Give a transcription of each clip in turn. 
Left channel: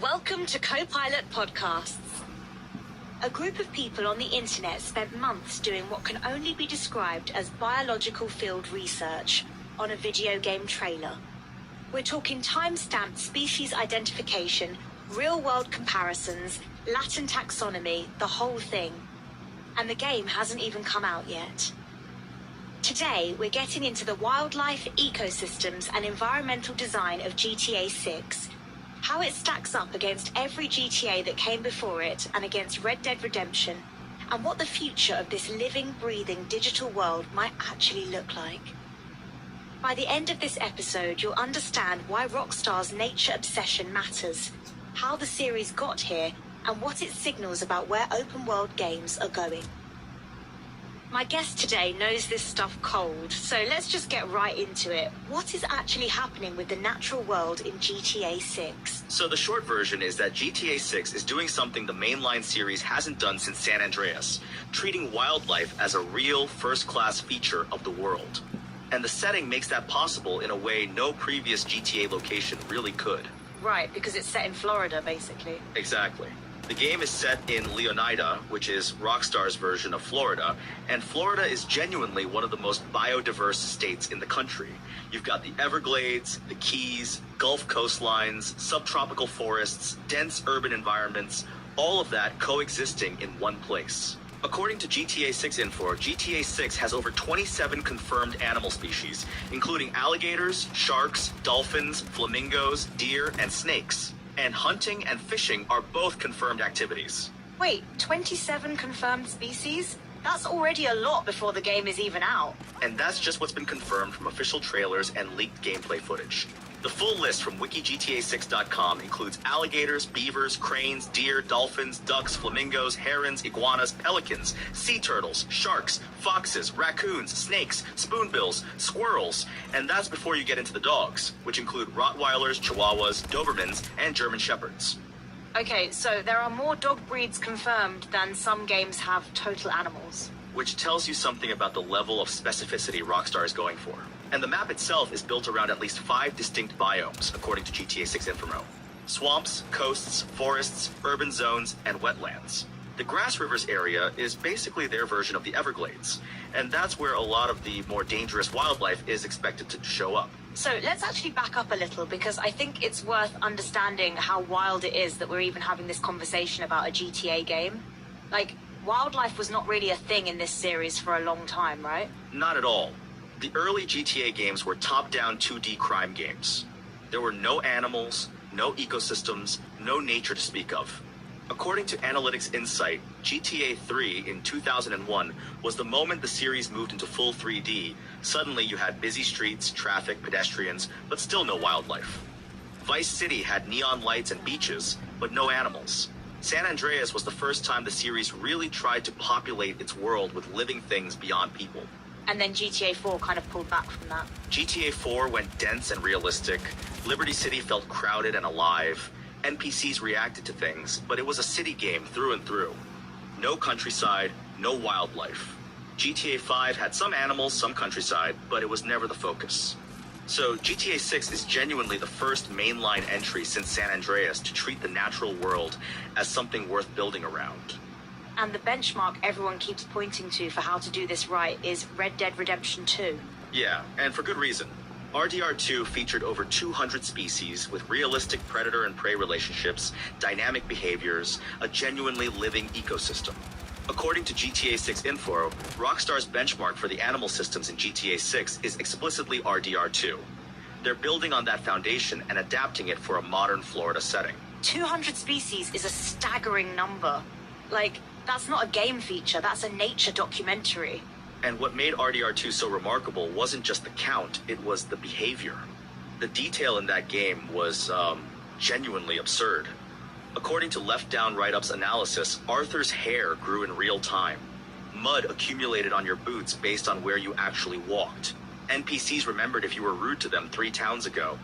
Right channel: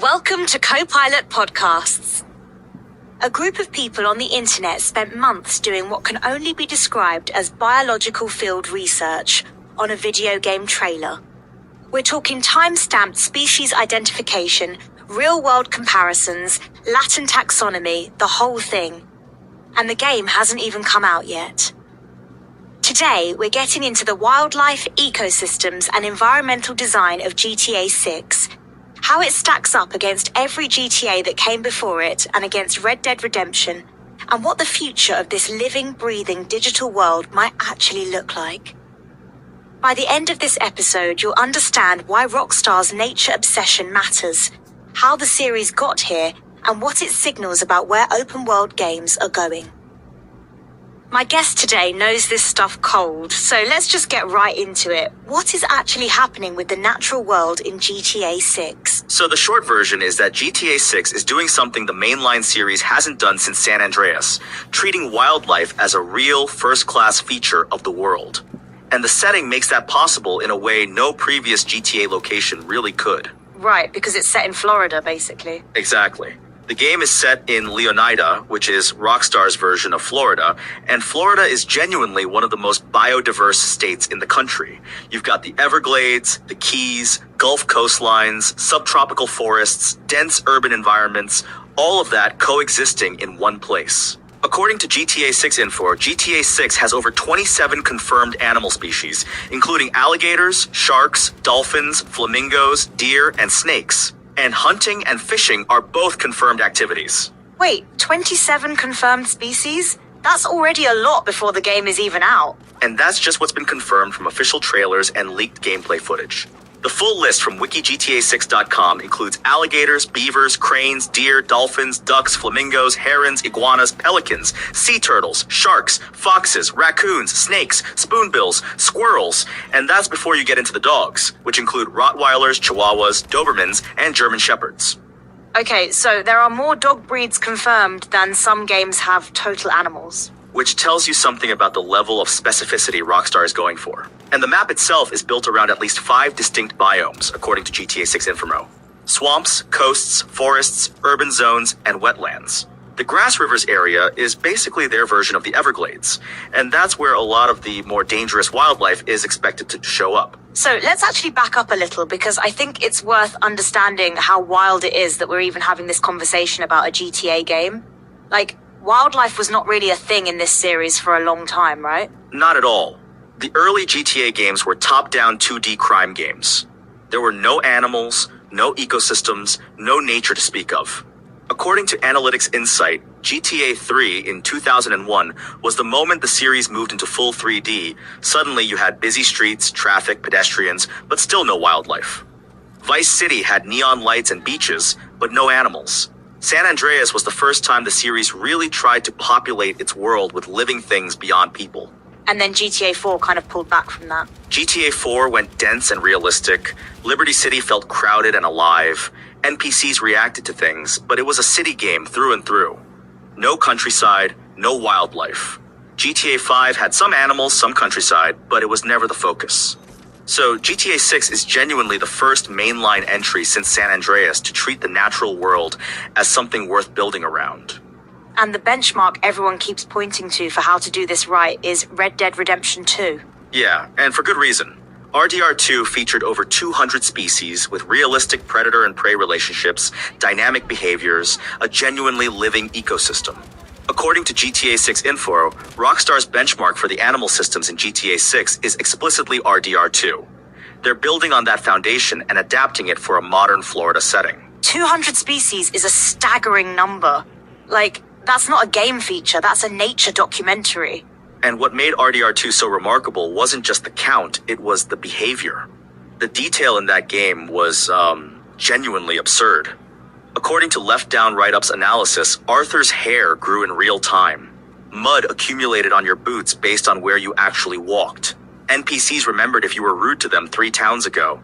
Welcome to Copilot Podcasts. A group of people on the internet spent months doing what can only be described as biological field research on a video game trailer. We're talking time-stamped species identification, real-world comparisons, Latin taxonomy, the whole thing. And the game hasn't even come out yet. Today, we're getting into the wildlife, ecosystems, and environmental design of GTA 6, how it stacks up against every GTA that came before it and against Red Dead Redemption, and what the future of this living, breathing digital world might actually look like. By the end of this episode, you'll understand why Rockstar's nature obsession matters, how the series got here, and what it signals about where open-world games are going. My guest today knows this stuff cold, so let's just get right into it. What is actually happening with the natural world in GTA 6? So the short version is that GTA 6 is doing something the mainline series hasn't done since San Andreas, treating wildlife as a real first-class feature of the world. And the setting makes that possible in a way no previous GTA location really could. Right, because it's set in Florida, basically. Exactly. The game is set in Leonida, which is Rockstar's version of Florida, and Florida is genuinely one of the most biodiverse states in the country. You've got the Everglades, the Keys, Gulf coastlines, subtropical forests, dense urban environments, all of that coexisting in one place. According to GTA 6 info, GTA 6 has over 27 confirmed animal species, including alligators, sharks, dolphins, flamingos, deer, and snakes. And hunting and fishing are both confirmed activities. Wait, 27 confirmed species? That's already a lot before the game is even out. And that's just what's been confirmed from official trailers and leaked gameplay footage. The full list from wikigta6.com includes alligators, beavers, cranes, deer, dolphins, ducks, flamingos, herons, iguanas, pelicans, sea turtles, sharks, foxes, raccoons, snakes, spoonbills, squirrels, and that's before you get into the dogs, which include Rottweilers, Chihuahuas, Dobermans, and German Shepherds. Okay, so there are more dog breeds confirmed than some games have total animals. Which tells you something about the level of specificity Rockstar is going for. And the map itself is built around at least 5 distinct biomes, according to GTA 6 Info. Swamps, coasts, forests, urban zones, and wetlands. The Grass Rivers area is basically their version of the Everglades, and that's where a lot of the more dangerous wildlife is expected to show up. So let's actually back up a little, because I think it's worth understanding how wild it is that we're even having this conversation about a GTA game. Like, wildlife was not really a thing in this series for a long time, right? Not at all. The early GTA games were top-down 2D crime games. There were no animals, no ecosystems, no nature to speak of. According to Analytics Insight, GTA 3 in 2001 was the moment the series moved into full 3D. Suddenly you had busy streets, traffic, pedestrians, but still no wildlife. Vice City had neon lights and beaches, but no animals. San Andreas was the first time the series really tried to populate its world with living things beyond people. And then GTA 4 kind of pulled back from that. GTA 4 went dense and realistic. Liberty City felt crowded and alive. NPCs reacted to things, but it was a city game through and through. No countryside, no wildlife. GTA 5 had some animals, some countryside, but it was never the focus. So GTA 6 is genuinely the first mainline entry since San Andreas to treat the natural world as something worth building around. And the benchmark everyone keeps pointing to for how to do this right is Red Dead Redemption 2. Yeah, and for good reason. RDR2 featured over 200 species with realistic predator and prey relationships, dynamic behaviors, a genuinely living ecosystem. According to GTA 6 Info, Rockstar's benchmark for the animal systems in GTA 6 is explicitly RDR2. They're building on that foundation and adapting it for a modern Florida setting. 200 species is a staggering number. Like, that's not a game feature, that's a nature documentary. And what made RDR2 so remarkable wasn't just the count, it was the behavior. The detail in that game was, genuinely absurd. According to Left Down Right Up's analysis, Arthur's hair grew in real time. Mud accumulated on your boots based on where you actually walked. NPCs remembered if you were rude to them 3 towns ago.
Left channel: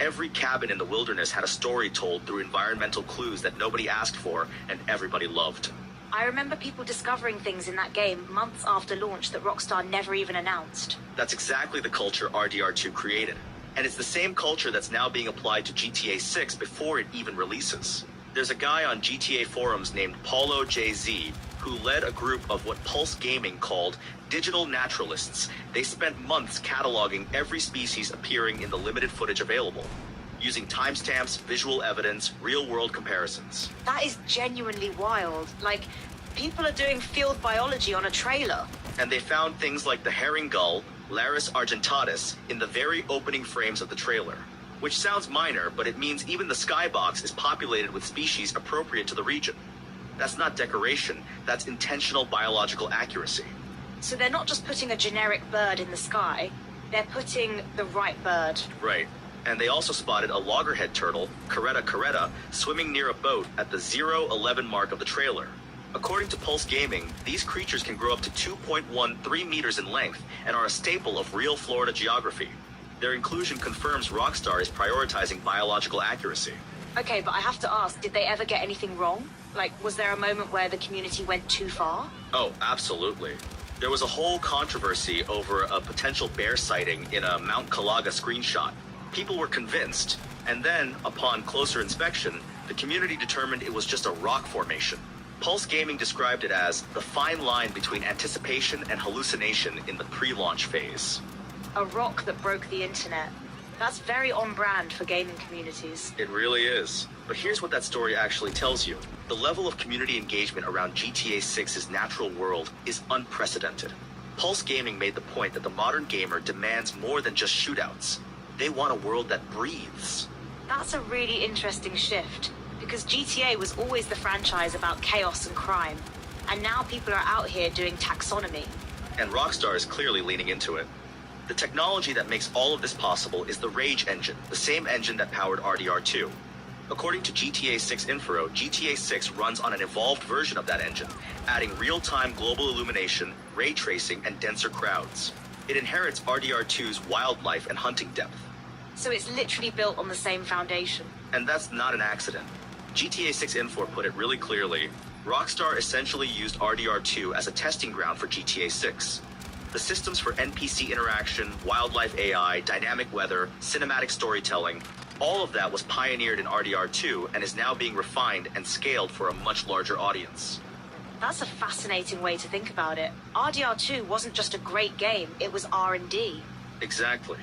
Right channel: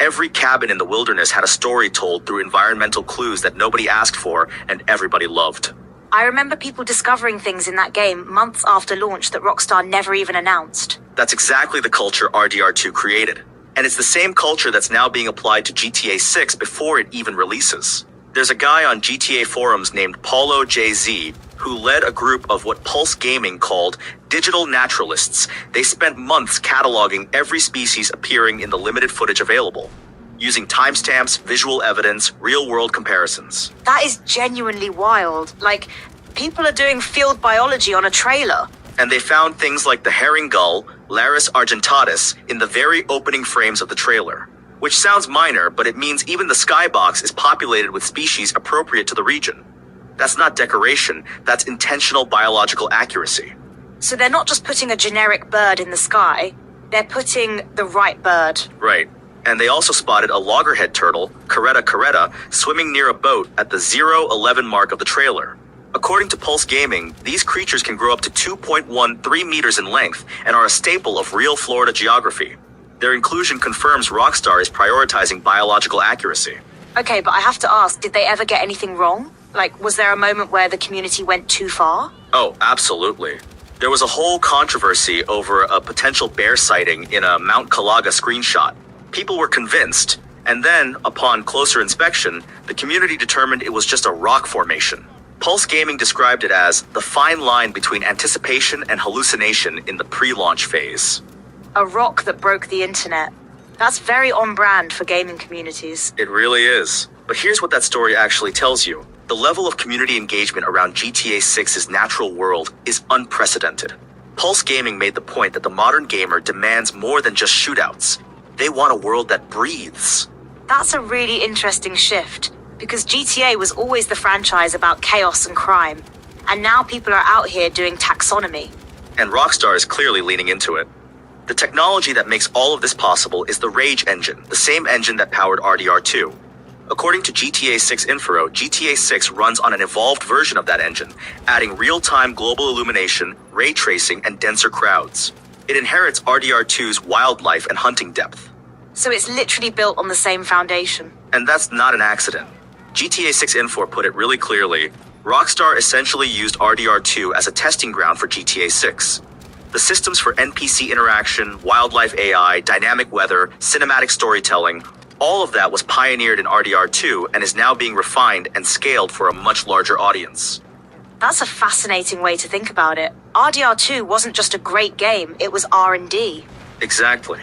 Every cabin in the wilderness had a story told through environmental clues that nobody asked for and everybody loved. I remember people discovering things in that game months after launch that Rockstar never even announced. That's exactly the culture RDR2 created. And it's the same culture that's now being applied to GTA 6 before it even releases. There's a guy on GTA forums named Paulo JZ who led a group of what Pulse Gaming called digital naturalists. They spent months cataloging every species appearing in the limited footage available, using timestamps, visual evidence, real-world comparisons. That is genuinely wild. Like, people are doing field biology on a trailer. And they found things like the herring gull, Larus argentatus, in the very opening frames of the trailer. Which sounds minor, but it means even the skybox is populated with species appropriate to the region. That's not decoration, that's intentional biological accuracy. So they're not just putting a generic bird in the sky, they're putting the right bird. Right. And they also spotted a loggerhead turtle, Caretta caretta, swimming near a boat at the 011 mark of the trailer. According to Pulse Gaming, these creatures can grow up to 2.13 meters in length and are a staple of real Florida geography. Their inclusion confirms Rockstar is prioritizing biological accuracy. Okay, but I have to ask, did they ever get anything wrong? Like, was there a moment where the community went too far? Oh, absolutely. There was a whole controversy over a potential bear sighting in a Mount Calaga screenshot. People were convinced, and then, upon closer inspection, the community determined it was just a rock formation. Pulse Gaming described it as the fine line between anticipation and hallucination in the pre-launch phase. A rock that broke the internet. That's very on brand for gaming communities. It really is. But here's what that story actually tells you. The level of community engagement around GTA 6's natural world is unprecedented. Pulse Gaming made the point that the modern gamer demands more than just shootouts. They want a world that breathes. That's a really interesting shift, because GTA was always the franchise about chaos and crime. And now people are out here doing taxonomy. And Rockstar is clearly leaning into it. The technology that makes all of this possible is the Rage engine, the same engine that powered RDR2. According to GTA 6 Info, GTA 6 runs on an evolved version of that engine, adding real-time global illumination, ray tracing, and denser crowds. It inherits RDR2's wildlife and hunting depth. So it's literally built on the same foundation. And that's not an accident. GTA 6 Info put it really clearly. Rockstar essentially used RDR2 as a testing ground for GTA 6. The systems for NPC interaction, wildlife AI, dynamic weather, cinematic storytelling, all of that was pioneered in RDR2 and is now being refined and scaled for a much larger audience. That's a fascinating way to think about it. RDR2 wasn't just a great game, it was R&D. Exactly.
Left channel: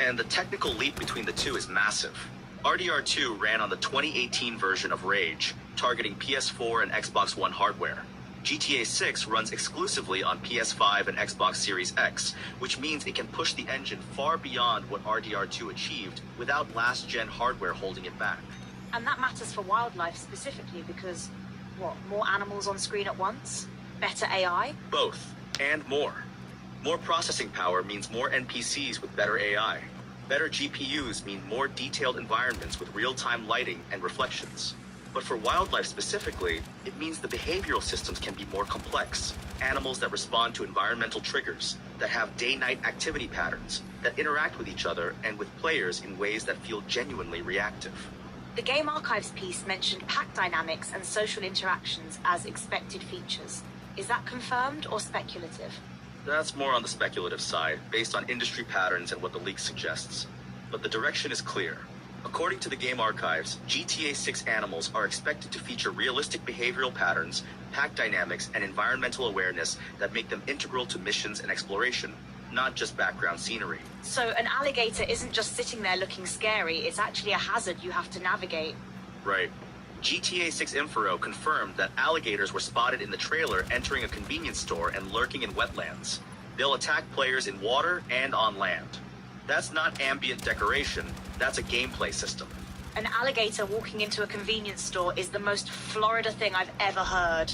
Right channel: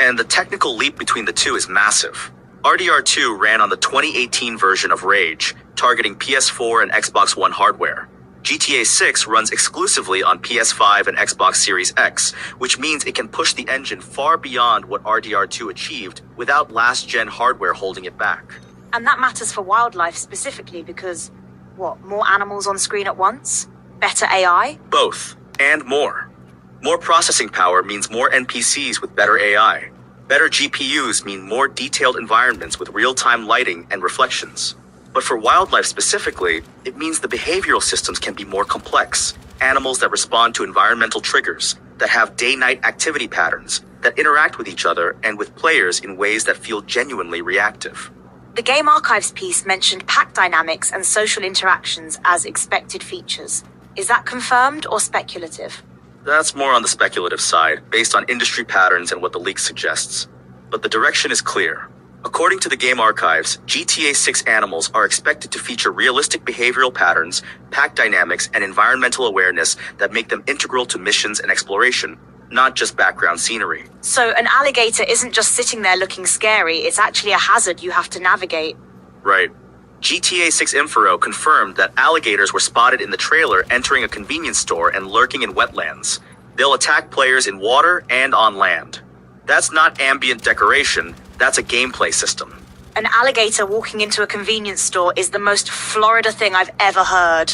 And the technical leap between the two is massive. RDR2 ran on the 2018 version of Rage, targeting PS4 and Xbox One hardware. GTA 6 runs exclusively on PS5 and Xbox Series X, which means it can push the engine far beyond what RDR2 achieved without last-gen hardware holding it back. And that matters for wildlife specifically because, more animals on screen at once? Better AI? Both, and more. More processing power means more NPCs with better AI. Better GPUs mean more detailed environments with real-time lighting and reflections. But for wildlife specifically, it means the behavioral systems can be more complex. Animals that respond to environmental triggers, that have day-night activity patterns, that interact with each other and with players in ways that feel genuinely reactive. The Game Archives piece mentioned pack dynamics and social interactions as expected features. Is that confirmed or speculative? That's more on the speculative side, based on industry patterns and what the leak suggests. But the direction is clear. According to the Game Archives, GTA 6 animals are expected to feature realistic behavioral patterns, pack dynamics, and environmental awareness that make them integral to missions and exploration, not just background scenery. So an alligator isn't just sitting there looking scary, it's actually a hazard you have to navigate. Right. GTA 6 Info confirmed that alligators were spotted in the trailer entering a convenience store and lurking in wetlands. They'll attack players in water and on land. That's not ambient decoration, that's a gameplay system. An alligator walking into a convenience store is the most Florida thing I've ever heard.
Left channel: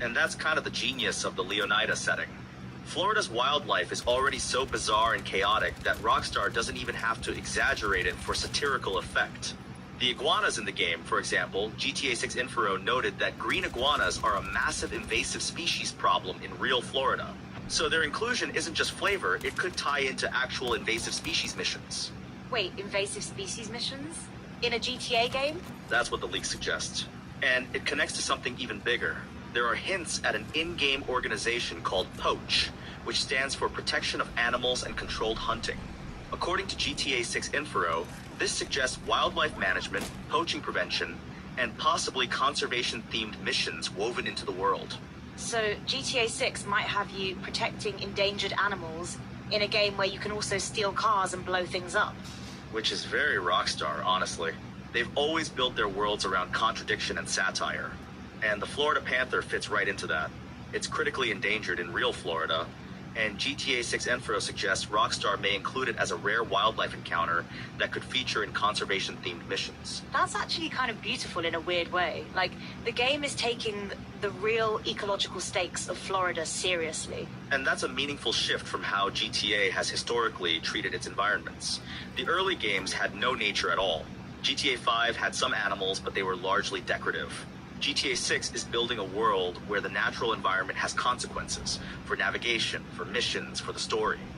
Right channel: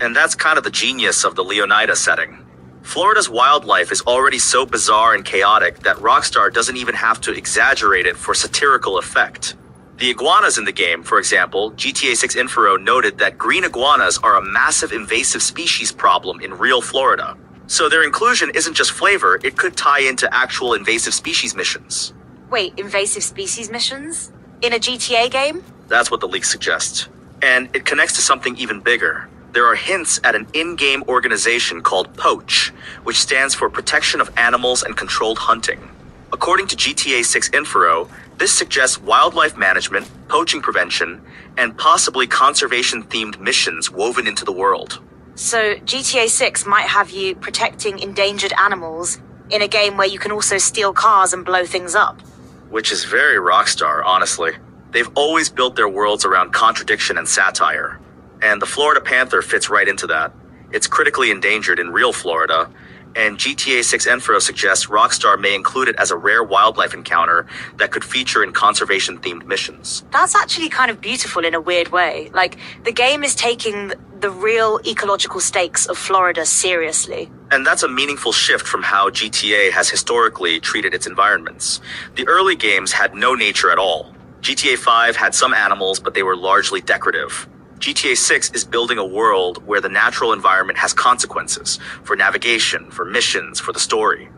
And that's kind of the genius of the Leonida setting. Florida's wildlife is already so bizarre and chaotic that Rockstar doesn't even have to exaggerate it for satirical effect. The iguanas in the game, for example, GTA 6 Info noted that green iguanas are a massive invasive species problem in real Florida. So their inclusion isn't just flavor, it could tie into actual invasive species missions. Wait, invasive species missions? In a GTA game? That's what the leak suggests. And it connects to something even bigger. There are hints at an in-game organization called POACH, which stands for Protection of Animals and Controlled Hunting. According to GTA 6 Info, this suggests wildlife management, poaching prevention, and possibly conservation-themed missions woven into the world. So GTA 6 might have you protecting endangered animals in a game where you can also steal cars and blow things up. Which is very Rockstar, honestly. They've always built their worlds around contradiction and satire. And the Florida panther fits right into that. It's critically endangered in real Florida, and GTA 6 Info suggests Rockstar may include it as a rare wildlife encounter that could feature in conservation-themed missions. That's actually kind of beautiful in a weird way. Like, the game is taking the real ecological stakes of Florida seriously. And that's a meaningful shift from how GTA has historically treated its environments. The early games had no nature at all. GTA 5 had some animals, but they were largely decorative. GTA 6 is building a world where the natural environment has consequences for navigation, for missions, for the story.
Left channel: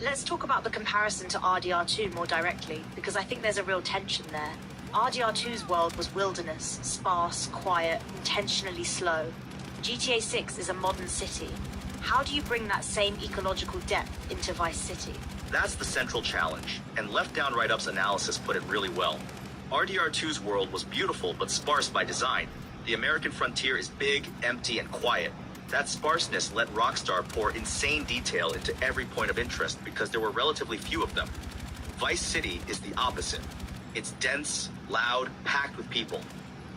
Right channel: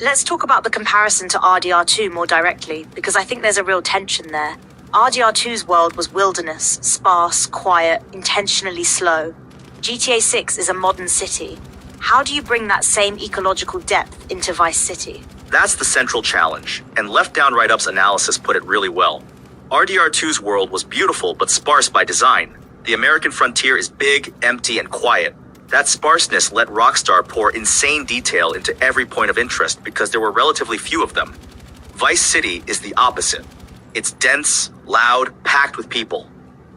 Let's talk about the comparison to RDR2 more directly, because I think there's a real tension there. RDR2's world was wilderness, sparse, quiet, intentionally slow. GTA 6 is a modern city. How do you bring that same ecological depth into Vice City? That's the central challenge, and Left Down Right Up's analysis put it really well. RDR2's world was beautiful but sparse by design. The American frontier is big, empty, and quiet. That sparseness let Rockstar pour insane detail into every point of interest because there were relatively few of them. Vice City is the opposite. It's dense, loud, packed with people.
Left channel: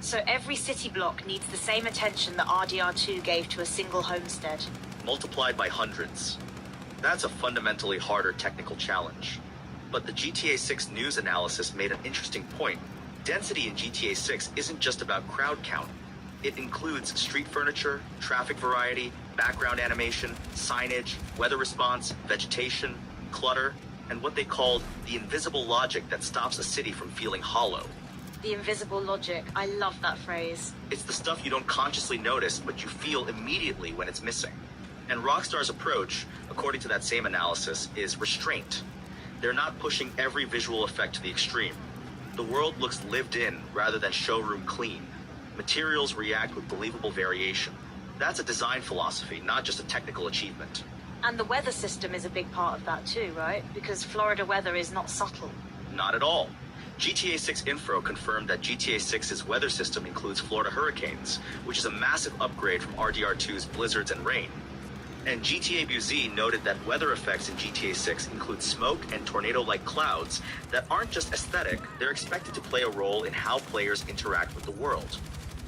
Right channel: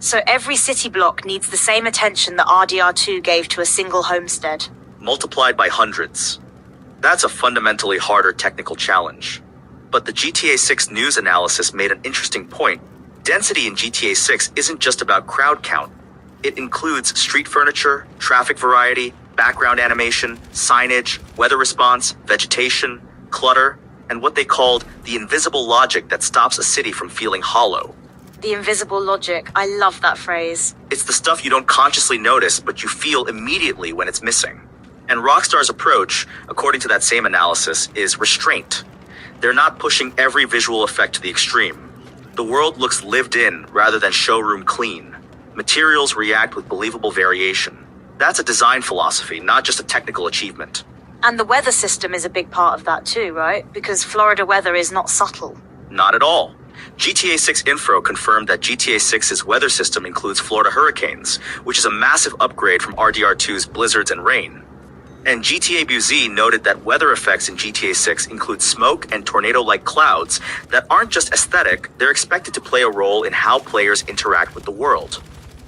So every city block needs the same attention that RDR2 gave to a single homestead. Multiplied by hundreds. That's a fundamentally harder technical challenge. But the GTA 6 news analysis made an interesting point. Density in GTA 6 isn't just about crowd count. It includes street furniture, traffic variety, background animation, signage, weather response, vegetation, clutter, and what they called the invisible logic that stops a city from feeling hollow. The invisible logic. I love that phrase. It's the stuff you don't consciously notice, but you feel immediately when it's missing. And Rockstar's approach, according to that same analysis, is restraint. They're not pushing every visual effect to the extreme. The world looks lived in rather than showroom clean. Materials react with believable variation. That's a design philosophy, not just a technical achievement. And the weather system is a big part of that too, right? Because Florida weather is not subtle. Not at all. GTA 6 Info confirmed that GTA 6's weather system includes Florida hurricanes, which is a massive upgrade from RDR2's blizzards and rain. And GTA BZ noted that weather effects in GTA 6 include smoke and tornado-like clouds that aren't just aesthetic, they're expected to play a role in how players interact with the world.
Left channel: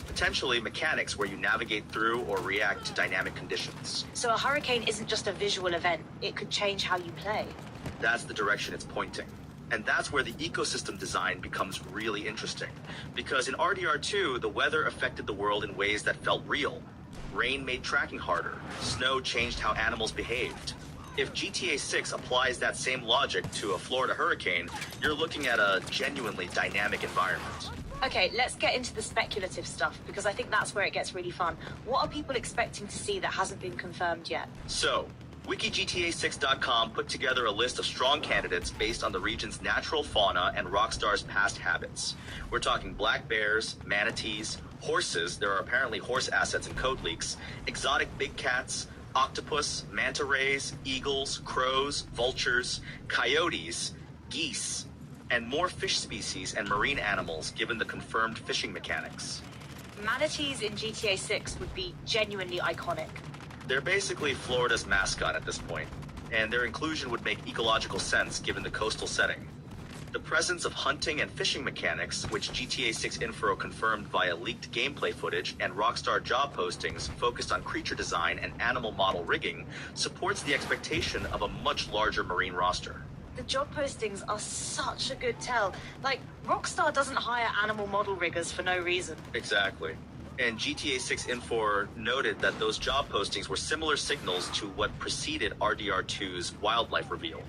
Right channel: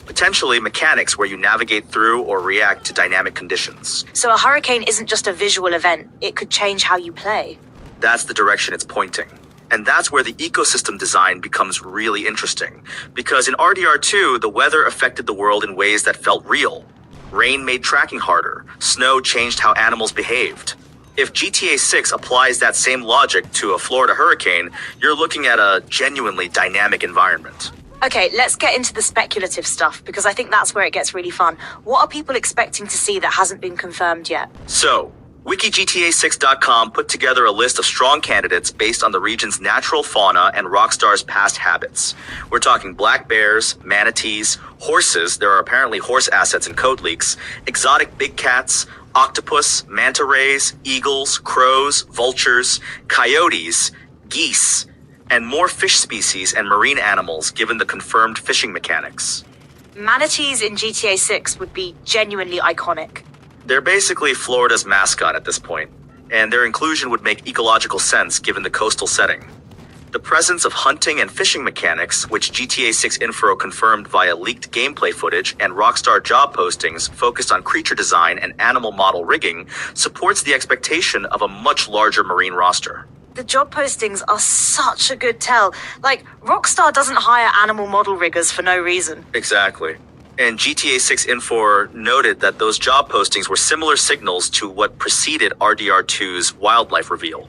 Potentially mechanics where you navigate through or react to dynamic conditions. So a hurricane isn't just a visual event, it could change how you play. That's the direction it's pointing. And that's where the ecosystem design becomes really interesting. Because in RDR2, the weather affected the world in ways that felt real. Rain made tracking harder. Snow changed how animals behaved. If GTA 6 applies that same logic to a Florida hurricane, you're looking at a genuinely dynamic environment. Okay, let's get into the speculative stuff, because I think that's where it gets really fun. What are people expecting to see that hasn't been confirmed yet? So, WikiGTA6.com put together a list of strong candidates based on the region's natural fauna and Rockstar's past habits. We're talking black bears, manatees, horses, there are apparently horse assets in code leaks, exotic big cats, octopus, manta rays, eagles, crows, vultures, coyotes, geese, and more fish species and marine animals given the confirmed fishing mechanics. Manatees in GTA 6 would be genuinely iconic. They're basically Florida's mascot at this point, and their inclusion would make ecological sense given the coastal setting. The presence of hunting and fishing mechanics, which GTA 6 Info confirmed via leaked gameplay footage and Rockstar job postings focused on creature design and animal model rigging, supports the expectation of a much larger marine roster. The job postings are such a good tell. Like, Rockstar doesn't hire animal model riggers for no reason. Exactly. And GTA 6 Info noted that those job postings were similar signals to what preceded RDR2's wildlife reveal.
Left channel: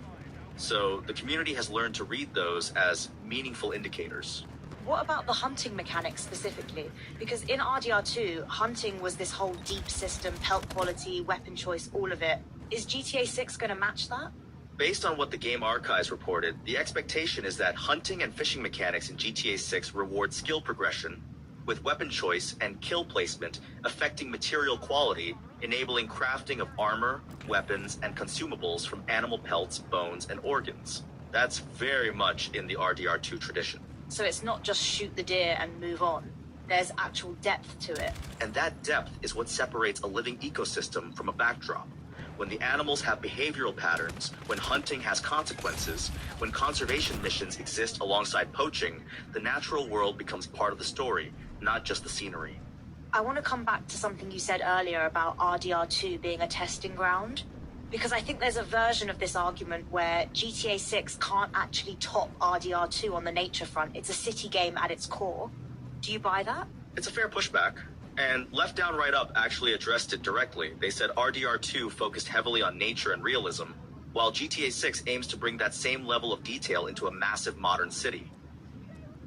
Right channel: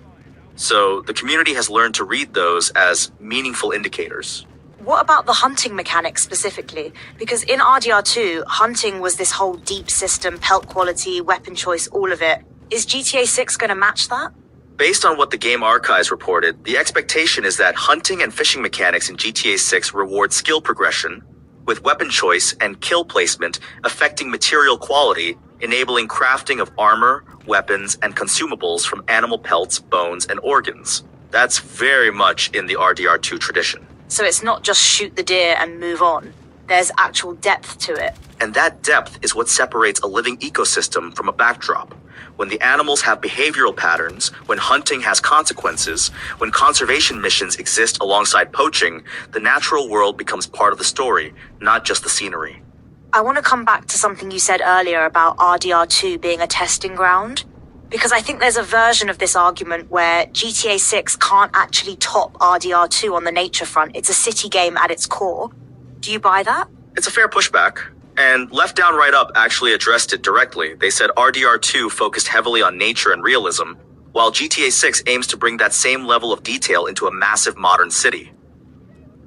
So the community has learned to read those as meaningful indicators. What about the hunting mechanics specifically? Because in RDR2, hunting was this whole deep system, pelt quality, weapon choice, all of it. Is GTA 6 going to match that? Based on what the Game Archives reported, the expectation is that hunting and fishing mechanics in GTA 6 reward skill progression, with weapon choice and kill placement affecting material quality, enabling crafting of armor, weapons, and consumables from animal pelts, bones, and organs. That's very much in the RDR2 tradition. So it's not just shoot the deer and move on. There's actual depth to it. And that depth is what separates a living ecosystem from a backdrop. When the animals have behavioral patterns, when hunting has consequences, when conservation missions exist alongside poaching, the natural world becomes part of the story, not just the scenery. I want to come back to something you said earlier about RDR2 being a testing ground, because I think there's a version of this argument where GTA 6 can't actually top RDR2 on the nature front. It's a city game at its core. Do you buy that? It's a fair pushback. And Left Down Right Up actually addressed it directly. They said RDR2 focused heavily on nature and realism, while GTA 6 aims to bring that same level of detail into a massive modern city.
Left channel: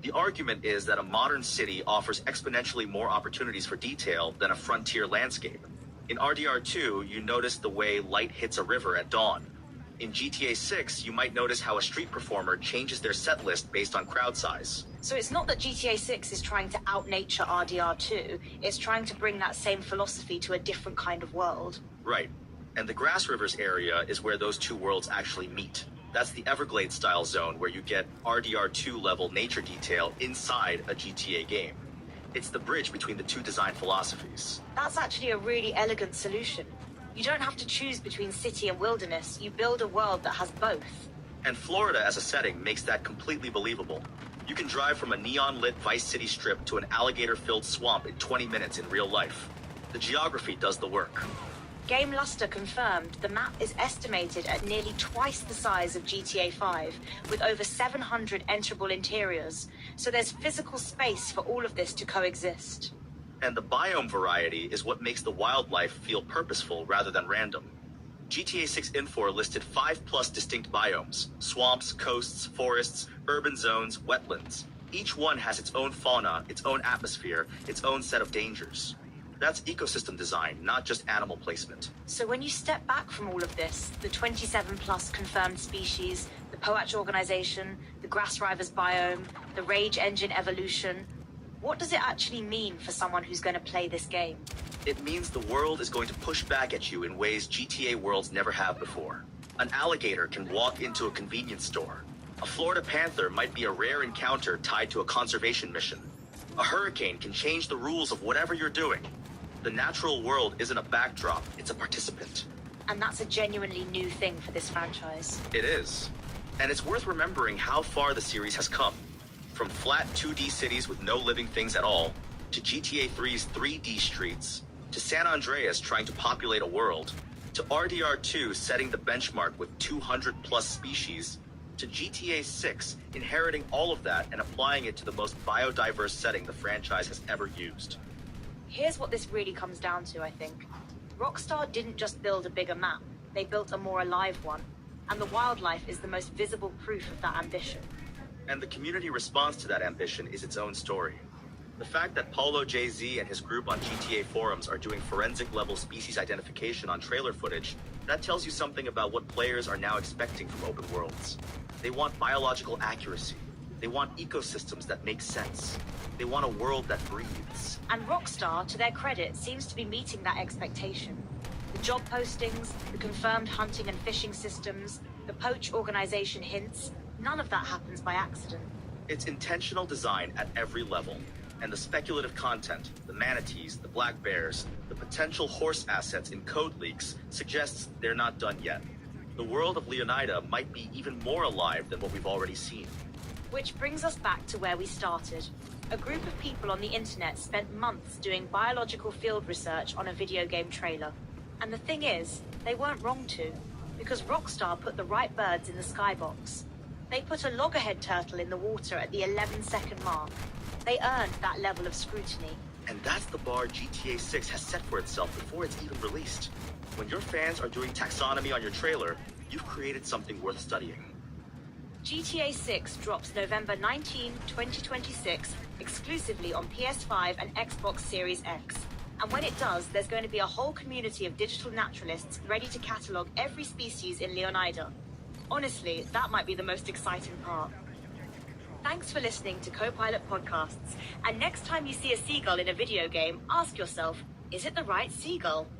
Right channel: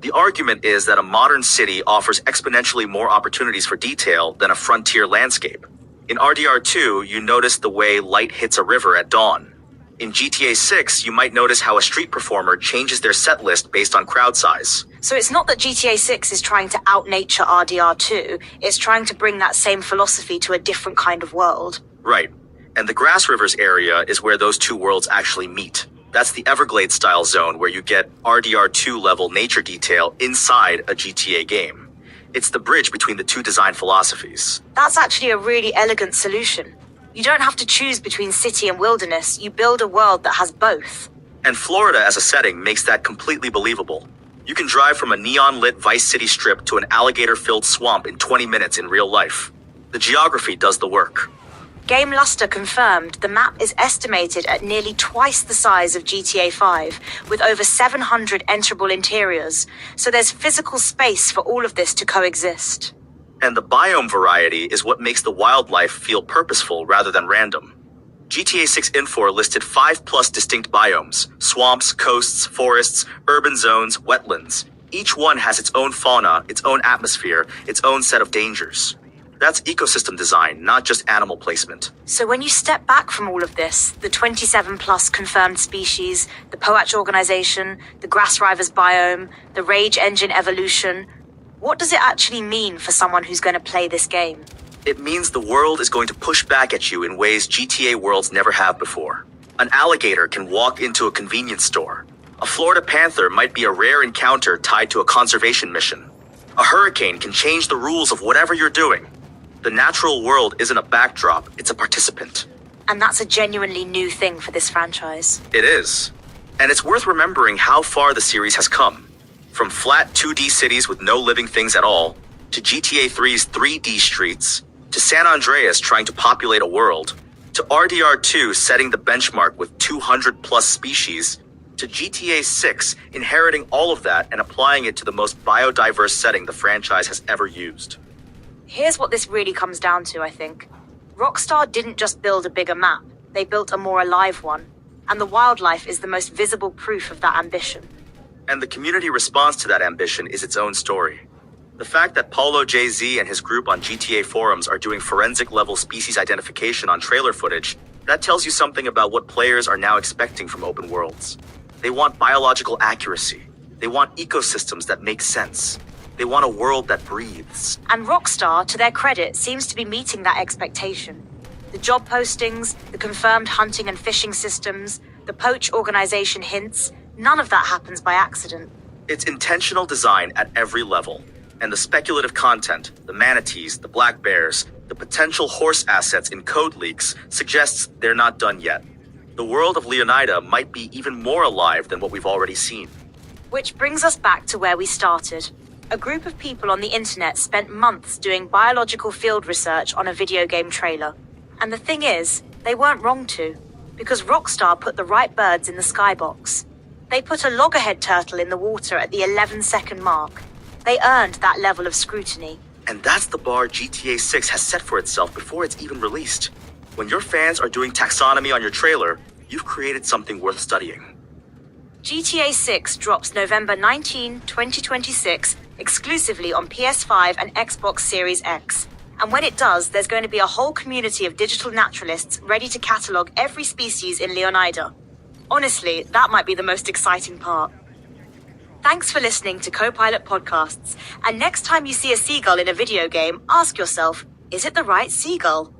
The argument is that a modern city offers exponentially more opportunities for detail than a frontier landscape. In RDR2, you notice the way light hits a river at dawn. In GTA 6, you might notice how a street performer changes their set list based on crowd size. So it's not that GTA 6 is trying to out-nature RDR2, it's trying to bring that same philosophy to a different kind of world. Right. And the Grass Rivers area is where those two worlds actually meet. That's the Everglades-style zone where you get RDR2 level nature detail inside a GTA game. It's the bridge between the two design philosophies. That's actually a really elegant solution. You don't have to choose between city and wilderness, you build a world that has both. And Florida as a setting makes that completely believable. You can drive from a neon-lit Vice City strip to an alligator-filled swamp in 20 minutes in real life. The geography does the work. Game Luster confirmed the map is estimated at nearly twice the size of GTA 5, with over 700 enterable interiors, so there's physical space for all of this to coexist. And the biome variety is what makes the wildlife feel purposeful rather than random. GTA 6 Infor listed 5+ distinct biomes: swamps, coasts, forests, urban zones, wetlands. Each one has its own fauna, its own atmosphere, its own set of dangers. That's ecosystem design, not just animal placement. So when you step back from all of this, the 27+ confirmed species, the Poach organization, the Grass Rivers biome, the Rage Engine evolution, what does it actually mean for someone who's going to play this game? It means the world is going to push back at you in ways GTA worlds never have before. An alligator can walk into a convenience store. A Florida panther might be a rare encounter tied to a conservation mission. A hurricane can change the rules of whatever you're doing. The natural world isn't a backdrop, it's a participant. And that's a genuinely new thing for this franchise. It is. And it's worth remembering how far the series has come. From flat 2D cities with no living things at all, to GTA 3's 3D streets, to San Andreas trying to populate a world, to RDR2 setting the benchmark with 200+ species, to GTA 6 inheriting all of that and applying it to the most biodiverse setting the franchise has ever used. Here's what this really comes down to, I think. Rockstar didn't just build a bigger map, they built a more alive one. And the wildlife is the most visible proof of that ambition. And the community response to that ambition is its own story. The fact that Paulo JZ and his group on GTA forums are doing forensic-level species identification on trailer footage, that tells you something about what players are now expecting from open worlds. They want biological accuracy. They want ecosystems that make sense. They want a world that breathes. And Rockstar, to their credit, seems to be meeting that expectation. The job postings, the confirmed hunting and fishing systems, the Poach organization hints, none of that happens by accident. It's intentional design at every level. And the speculative content, the manatees, the black bears, the potential horse assets in code leaks suggests they're not done yet. The world of Leonida might be even more alive than what we've already seen. Which brings us back to where we started. A group of people on the internet spent months doing biological field research on a video game trailer. And the thing is, they weren't wrong to, because Rockstar put the right birds in the skybox. They put a loggerhead turtle in the water at the 11-second mark. They earned that level of scrutiny. And that's the bar GTA 6 has set for itself before it's even released. When your fans are doing taxonomy on your trailer, you've created something worth studying. GTA 6 drops November 19, 2026, exclusively on PS5 and Xbox Series X. And when it does, there's going to be a whole community of digital naturalists ready to catalogue every species in Leonida. Honestly, that might be the most exciting part. Thanks for listening to Copilot Podcasts. And next time you see a seagull in a video game, ask yourself, is it the right seagull?